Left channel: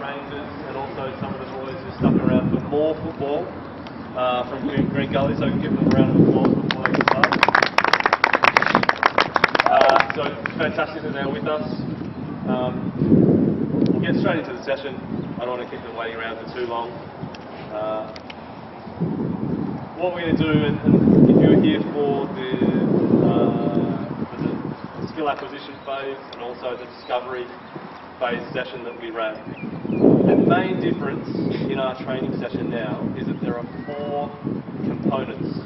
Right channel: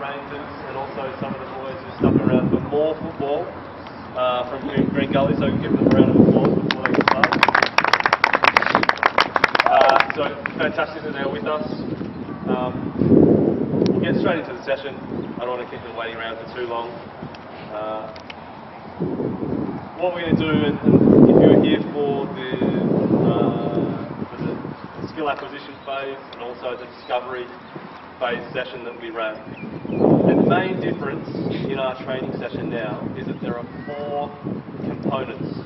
Rangers and also some of the boys who stuck around for more football from Green Gully, so we can give them a round of applause before they get started. So fantastic that they're with us. We'll get straight into the session. I don't want to keep them waiting around for too long. What we're going to do, and if you were here for the skill acquisition phase and also the discovery phase session that we ran, the main difference in our training session now is that there are 4 components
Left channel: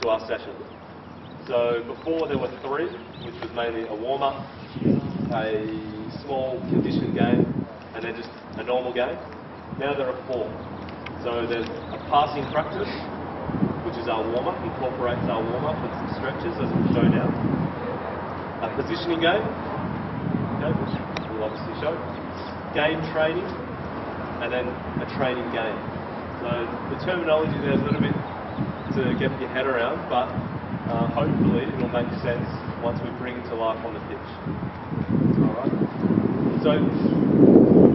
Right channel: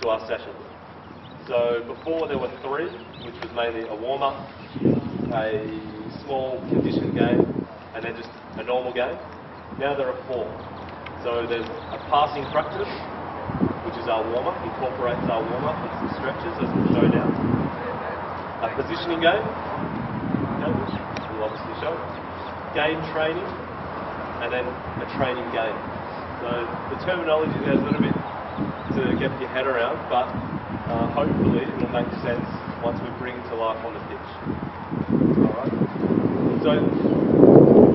to our session. So before there were 3, which was mainly a warm-up, a small condition game, and then just a normal game. Now there are 4. So there's a passing practice, which is our warm-up, incorporates our warm-up and some stretches, as we'll show now. A positioning game, okay, which we'll obviously show. Game training, and then a training game. So the terminology there is a little bit to get your head around, but hopefully it will make sense once we bring it to life on the pitch. Alright? So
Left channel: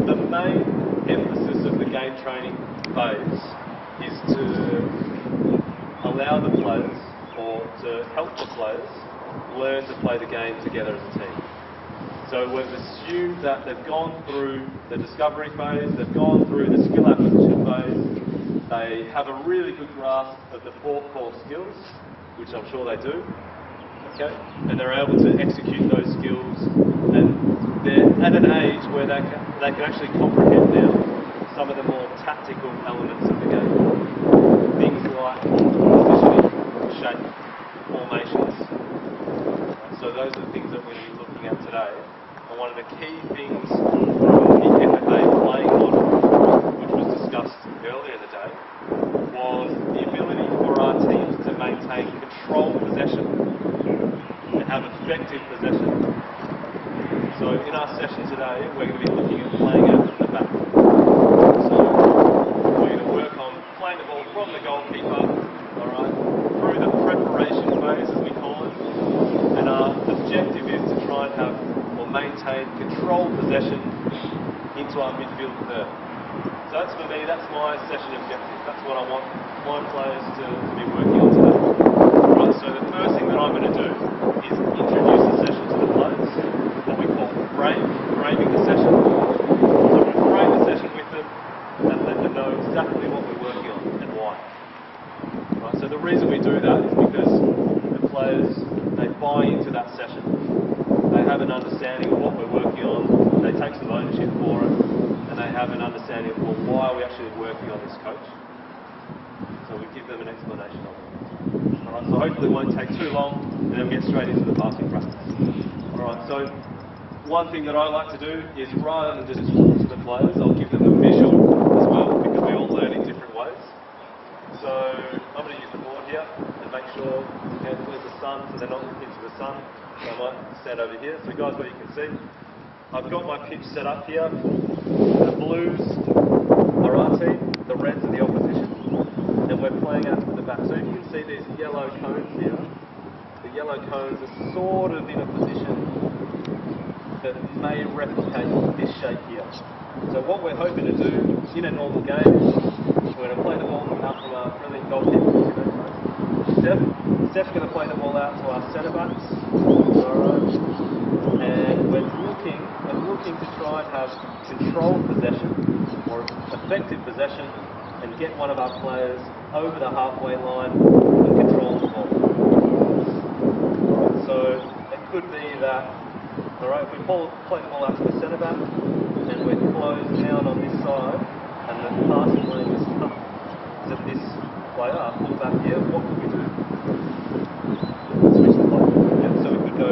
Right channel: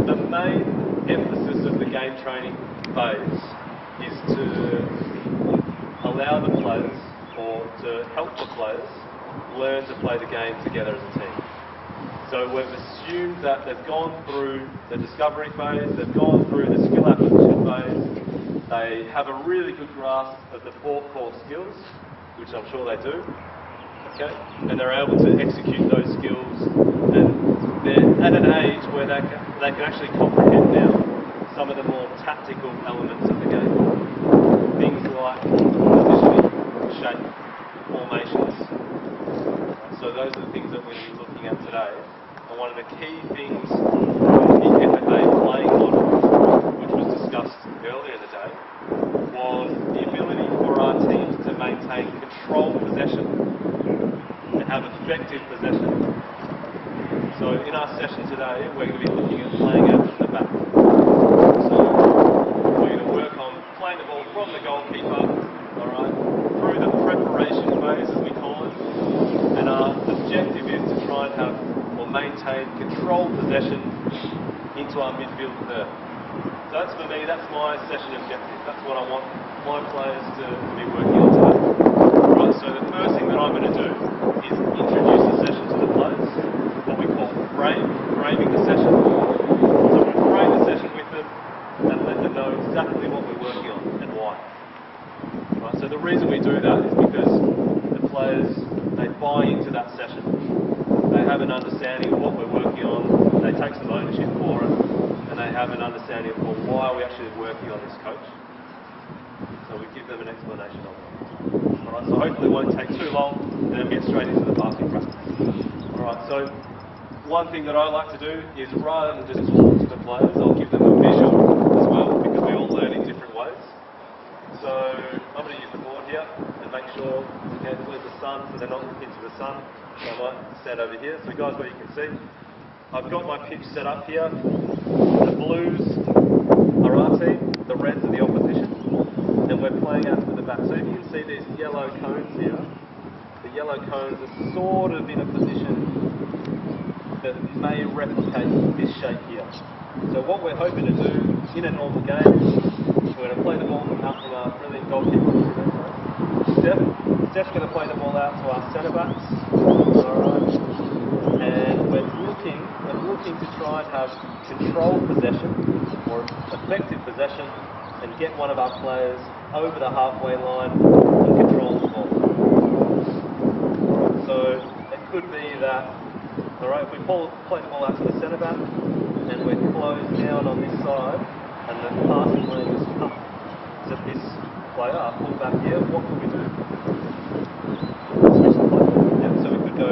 the main emphasis of the game training phase is to allow the players, or to help the players, learn to play the game together as a team. So we've assumed that they've gone through the discovery phase, they've gone through the skill acquisition phase, they have a really good grasp of the 4 core skills, which I'm sure they do, okay? And they're able to execute those skills, and they're at an age where they can actually comprehend now some of the more tactical elements of the game. Things like positioning, shape, formations. So those are the things that we're going to be looking at today. And one of the key things from the FFV playing model, which was discussed earlier in the day, was the ability for our teams to maintain controlled possession and have effective possession. So in our session today, we're going to be looking at playing out from the back. So we're going to work on playing the ball from the goalkeeper, alright, through the preparation phase, as we call it. And our objective is to try and have, or maintain, controlled possession into our midfield third. So that's, for me, that's my session objective. That's what I want my players to be working on today. Right, so the first thing that I'm going to do is introduce the session to the players, what we call framing the session. So I'm going to frame the session with them and let them know exactly what we're working on and why. Right, so the reason we do that is because the players, they buy into that session. They have an understanding of what we're working on, they take some ownership for it, and they have an understanding of, well, why are we actually working on this, coach? So we give them an explanation of it. Alright, so hopefully it won't take too long, and then we get straight into the passing practice. Alright, so one thing that I like to do is, rather than just talk to the players, I'll give them a visual as well, because we all learn in different ways. So I'm going to use the board here and make sure, okay, where's the sun, so they're not looking into the sun. So I might stand over here. So guys, what you can see, I've got my pitch set up here. The blues are our team, the reds are the opposition, and we're playing out to the back. So if you can see these yellow cones here, the yellow cones are sort of in a position that may replicate this shape here. So what we're hoping to do in a normal game, we're going to play the ball out from our brilliant goalkeeper. Steph's going to play the ball out to our centre backs. Alright. And we're looking to try and have controlled possession, or effective possession, and get one of our players over the halfway line and control the ball. So it could be that, alright, if we play the ball out to the centre back, and we're closed down on this side, and the passing lane is up to this player, our fullback here, what could we do? Yeah, so we could go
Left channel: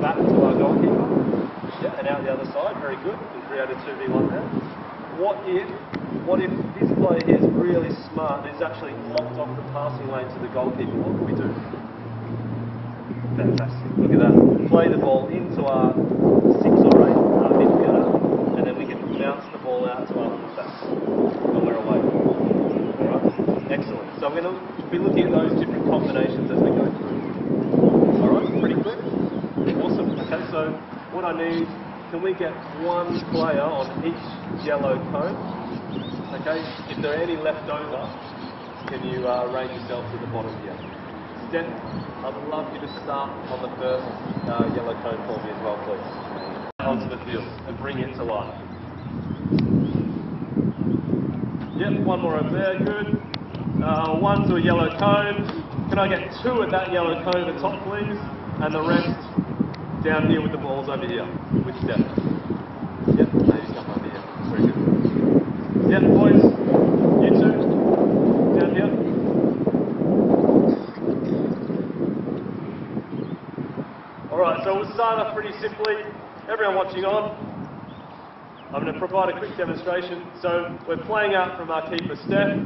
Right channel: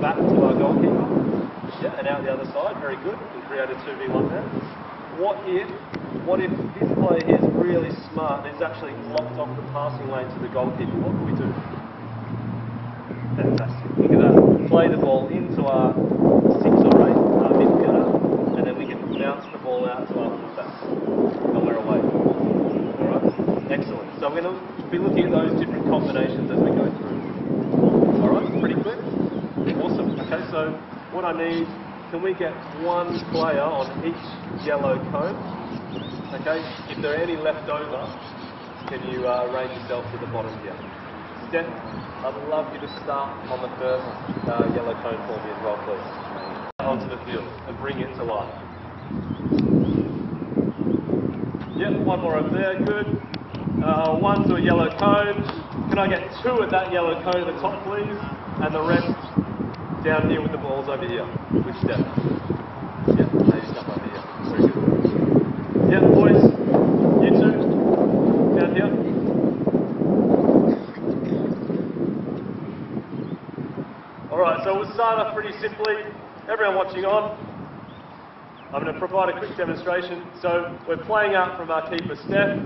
back to our goalkeeper, yeah, and out the other side, very good, we created 2v1 there. What if this player here is really smart and is actually locked off the passing lane to the goalkeeper? What can we do? Fantastic, look at that. Play the ball into our 6 or 8, our midfielder, and then we can bounce the ball out to our fullback, and we're away. Alright, excellent. So we're going to be looking at those different combinations as we go through. Alright, pretty clear? Awesome. Okay, so what I need can we get one player on each yellow cone? Okay, if there are any left over, can you arrange yourself to the bottom here? Steph, I'd love you to start on the first yellow cone for me as well, please. Onto the field and bring it to life. Yep, one more over there, good. One to a yellow cone. Can I get two at that yellow cone at the top, please? And the rest down here with the balls over here. With Steph. Yep, maybe come over here. Very good. Yep, boys. You two. Down here. Alright, so we'll start off pretty simply. Everyone watching on, I'm going to provide a quick demonstration. So we're playing out from our keeper Steph.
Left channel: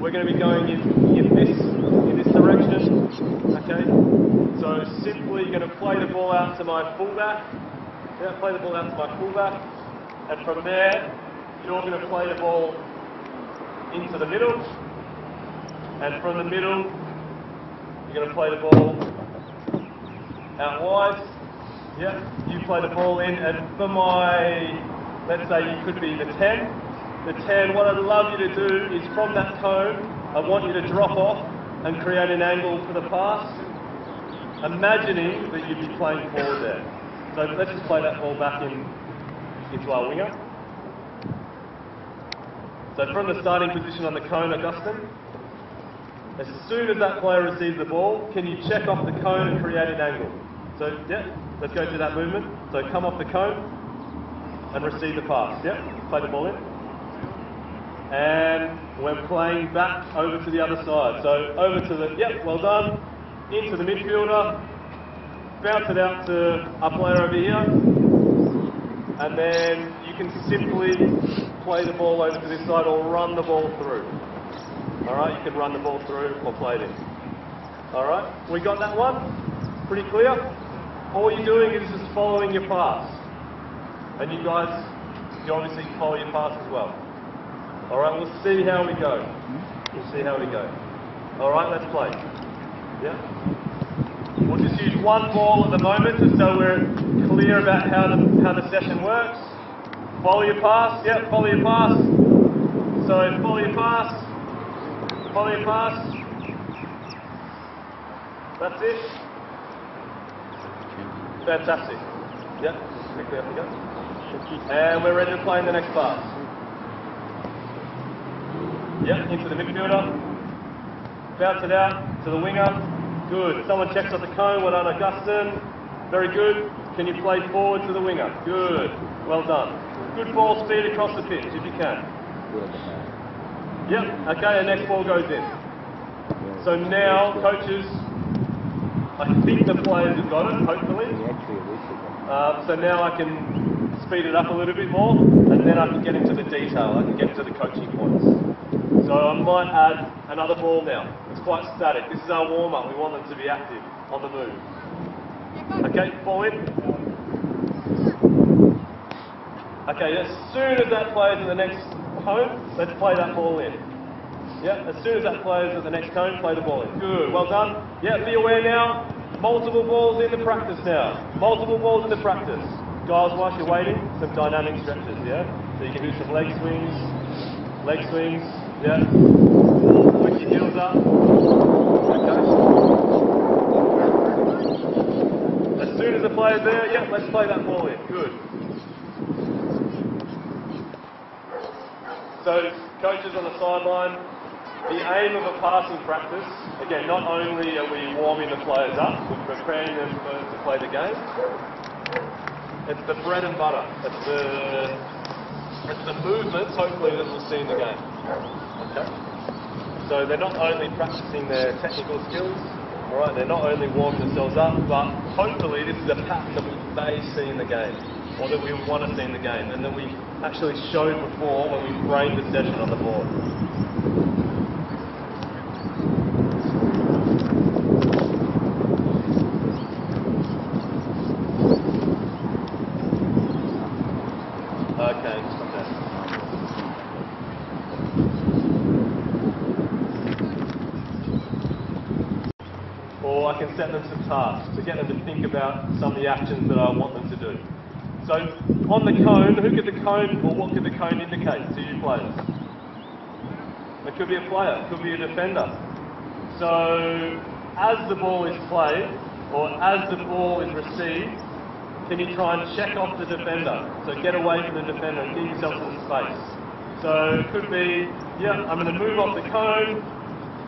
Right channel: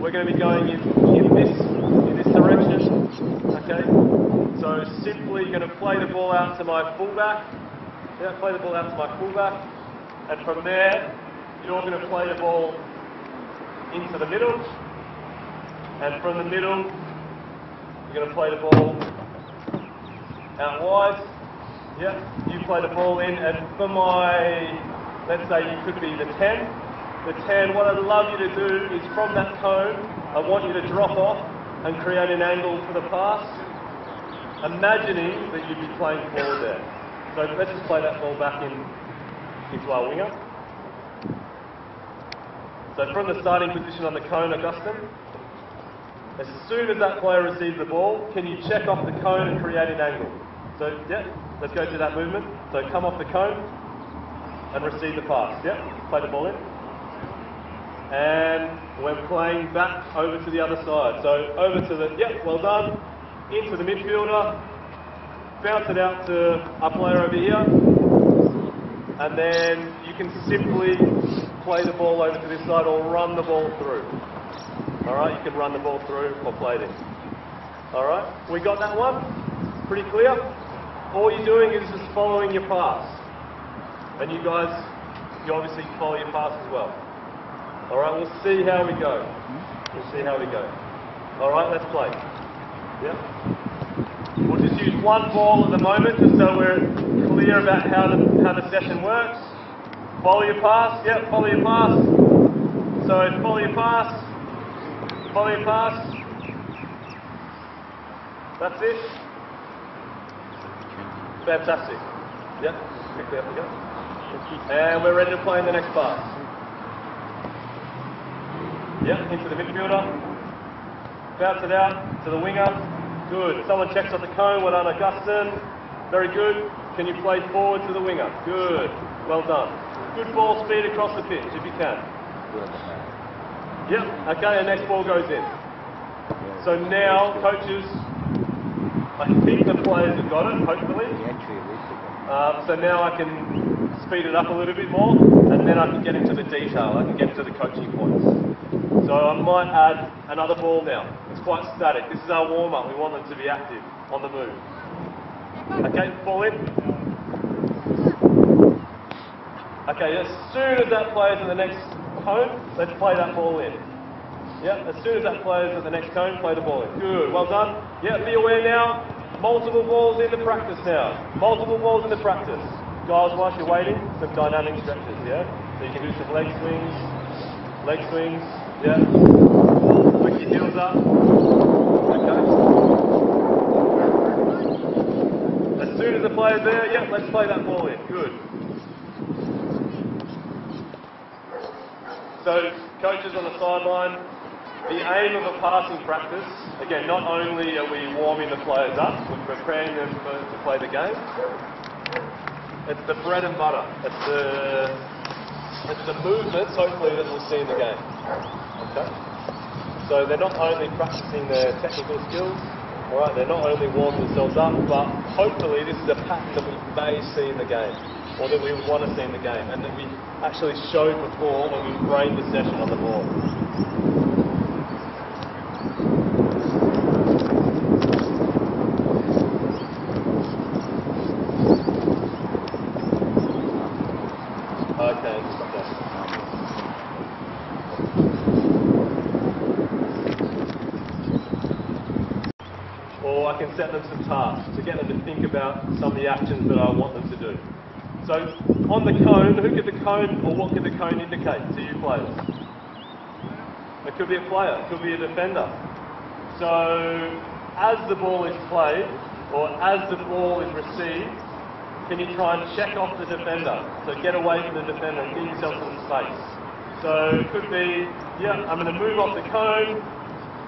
We're going to be going in this direction. Okay. So simply you're going to play the ball out to my fullback. Yeah, play the ball out to my fullback. And from there, you're going to play the ball into the middle. And from the middle, you're going to play the ball out wide. Yeah, you play the ball in, and for my, let's say you could be the 10. The 10, what I'd love you to do is from that cone, I want you to drop off and create an angle for the pass, imagining that you'd be playing forward there. So let's just play that ball back into our winger. So from the starting position on the cone, Augustine, as soon as that player receives the ball, can you check off the cone and create an angle? So, yeah, let's go through that movement. So come off the cone and receive the pass. Yeah, play the ball in. And we're playing back over to the other side. So over to the, yeah, well done. Into the midfielder. Bounce it out to our player over here. And then you can simply play the ball over to this side or run the ball through. Alright, you can run the ball through or play it in. Alright, we got that one? Pretty clear? All you're doing is just following your pass. And you guys, you obviously follow your pass as well. Alright, we'll see how we go. We'll see how we go. Alright, let's play. Yeah? We'll just use one ball at the moment just so we're clear about how the session works. Follow your pass, yeah, follow your pass. So follow your pass. Follow your pass. That's it. Fantastic. Yep, quickly up we go. And we're ready to play in the next pass. Yep, into the midfielder. Bounce it out to the winger. Good. Someone checks off the cone. Well done, Augustine. Very good. Can you play forward to the winger? Good. Well done. Good ball speed across the pitch if you can. Yep, okay, the next ball goes in. So now, coaches, I think the players have got it, hopefully. So now I can speed it up a little bit more, and then I can get into the detail. I can get into the coaching points. So I might add another ball now. It's quite static. This is our warm-up. We want them to be active, on the move. Okay, ball in. Okay, as soon as that player's in the next cone, let's play that ball in. Yeah, as soon as that player's at the next cone, play the ball in. Good, well done. Yeah, be aware now. Multiple balls into practice now. Multiple balls into practice. Guys, whilst you're waiting, some dynamic stretches, yeah? So you can do some leg swings, yeah? Put your heels up. Okay. As soon as the player's there, yeah, let's play that ball in. Good. So, coaches on the sideline, the aim of a passing practice, again, not only are we warming the players up, we're preparing them to play the game, it's the bread and butter. It's the movements, hopefully, that we'll see in the game. Okay? So they're not only practicing their technical skills, alright, they're not only warming themselves up, but hopefully this is a pattern that we may see in the game, or that we want to see in the game, and that we actually showed before when we framed the session on the board. Okay. Or I can set them some tasks to get them to think about some of the actions that I want them to do. So on the cone, who could the cone, or what could the cone indicate to you players? It could be a player, it could be a defender. So as the ball is played, or as the ball is received, can you try and check off the defender? So get away from the defender and give yourself some space. So it could be, yeah, I'm going to move off the cone,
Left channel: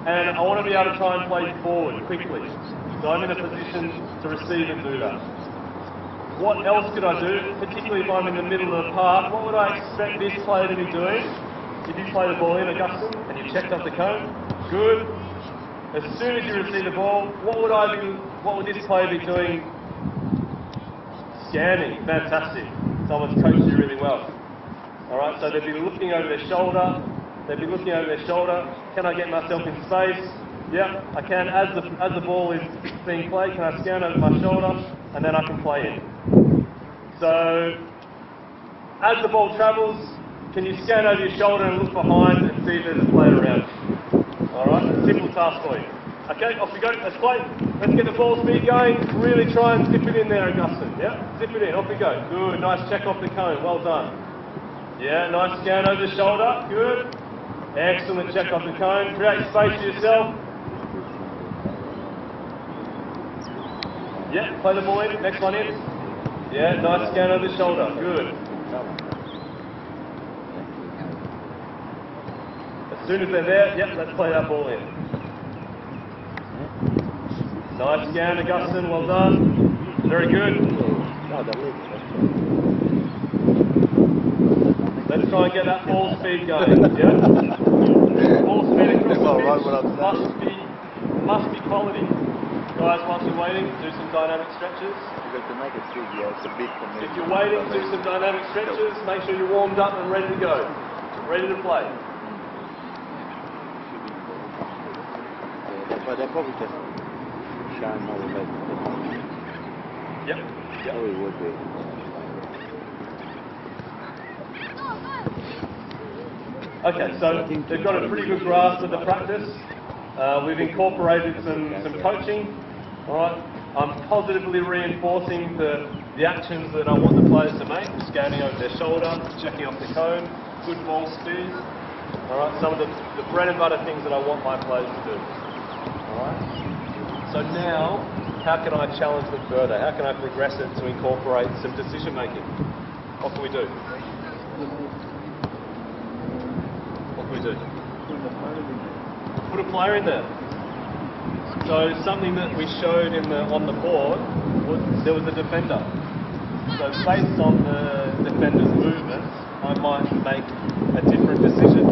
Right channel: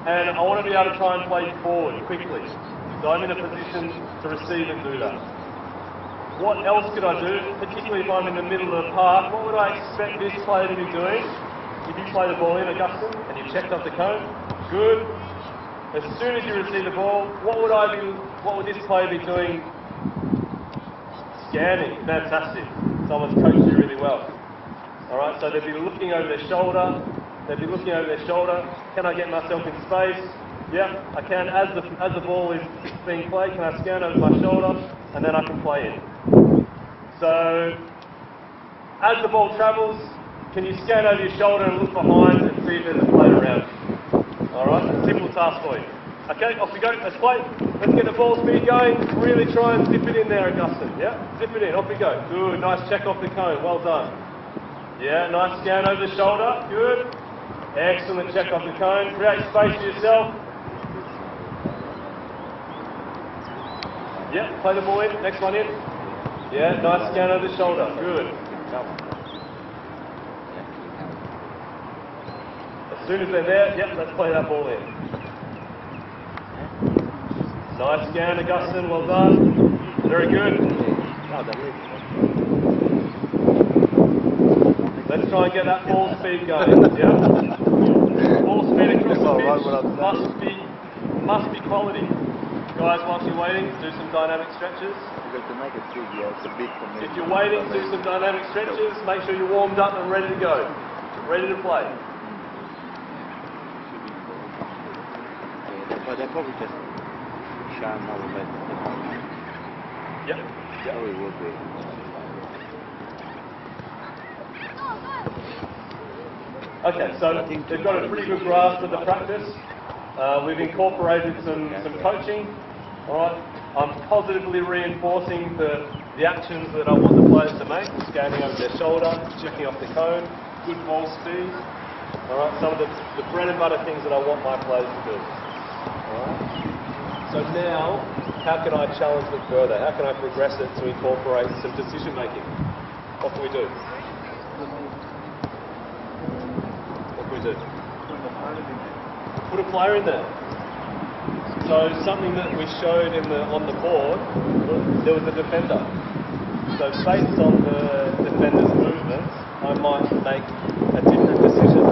and I want to be able to try and play forward quickly. So I'm in a position to receive and do that. What else could I do? Particularly if I'm in the middle of the park, what would I expect this player to be doing? If you play the ball in, Augustine, and you checked off the cone, good. As soon as you receive the ball, what would this player be doing? Scanning. Fantastic. Someone's coached you really well. Alright, so they'd be looking over their shoulder. They'd be looking over their shoulder. Can I get myself in space? Yeah, I can. As the ball is being played, can I scan over my shoulder? And then I can play in. So, as the ball travels, can you scan over your shoulder and look behind and see if there's a player around? Alright, a simple task for you. Okay, off we go, let's play. Let's get the ball speed going. Really try and zip it in there, Augustine. Yeah, zip it in, off we go. Good, nice check off the cone, well done. Yeah, nice scan over the shoulder, good. Excellent check off the cone. Create space for yourself. Yeah, play the ball in, next one in. Yeah, nice scan over the shoulder, good. As soon as they're there, yep, let's play that ball in. Nice scan, Augustine, well done. Very good. Let's try and get that ball speed going, yeah? Ball speed across the pitch must be quality. Guys, whilst you're waiting, do some dynamic stretches. To make it big, yeah, it's a big commitment. If you're waiting, do some dynamic stretches. Make sure you're warmed up and ready to go. Ready to play. But they're probably just showing more of it. Yep. Oh, it would be. Okay, so they've got a pretty good grasp of the practice. We've incorporated some coaching. All right. I'm positively reinforcing the actions that I want the players to make, scanning over their shoulder, checking off the cone, good ball speed. All right, some of the bread and butter things that I want my players to do. All right. So now, how can I challenge them further? How can I progress it to incorporate some decision making? What can we do? What can we do? Put a player in there. So something that we showed on the board, there was a defender. So based on the defender's movements, I might make a different decision.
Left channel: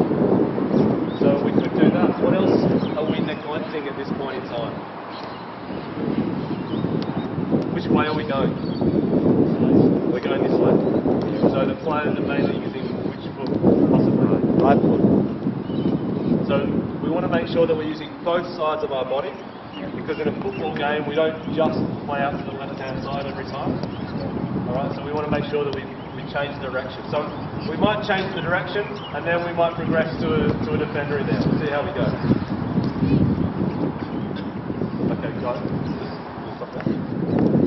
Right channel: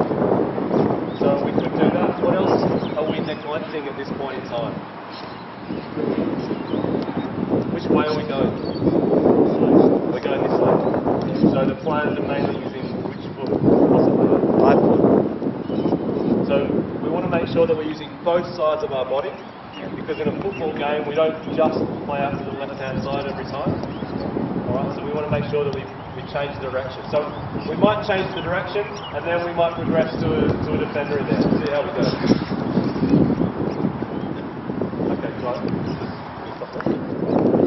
So we could do that. What else are we neglecting at this point in time? Which way are we going? We're going this way. So the players are mainly using which foot possibly? Right foot. So we want to make sure that we're using both sides of our body, because in a football game we don't just play out to the left-hand side every time. Alright, so we want to make sure that we change direction. So we might change the direction and then we might progress to a defender in there. We'll see how we go. Okay, got it. Just stop there.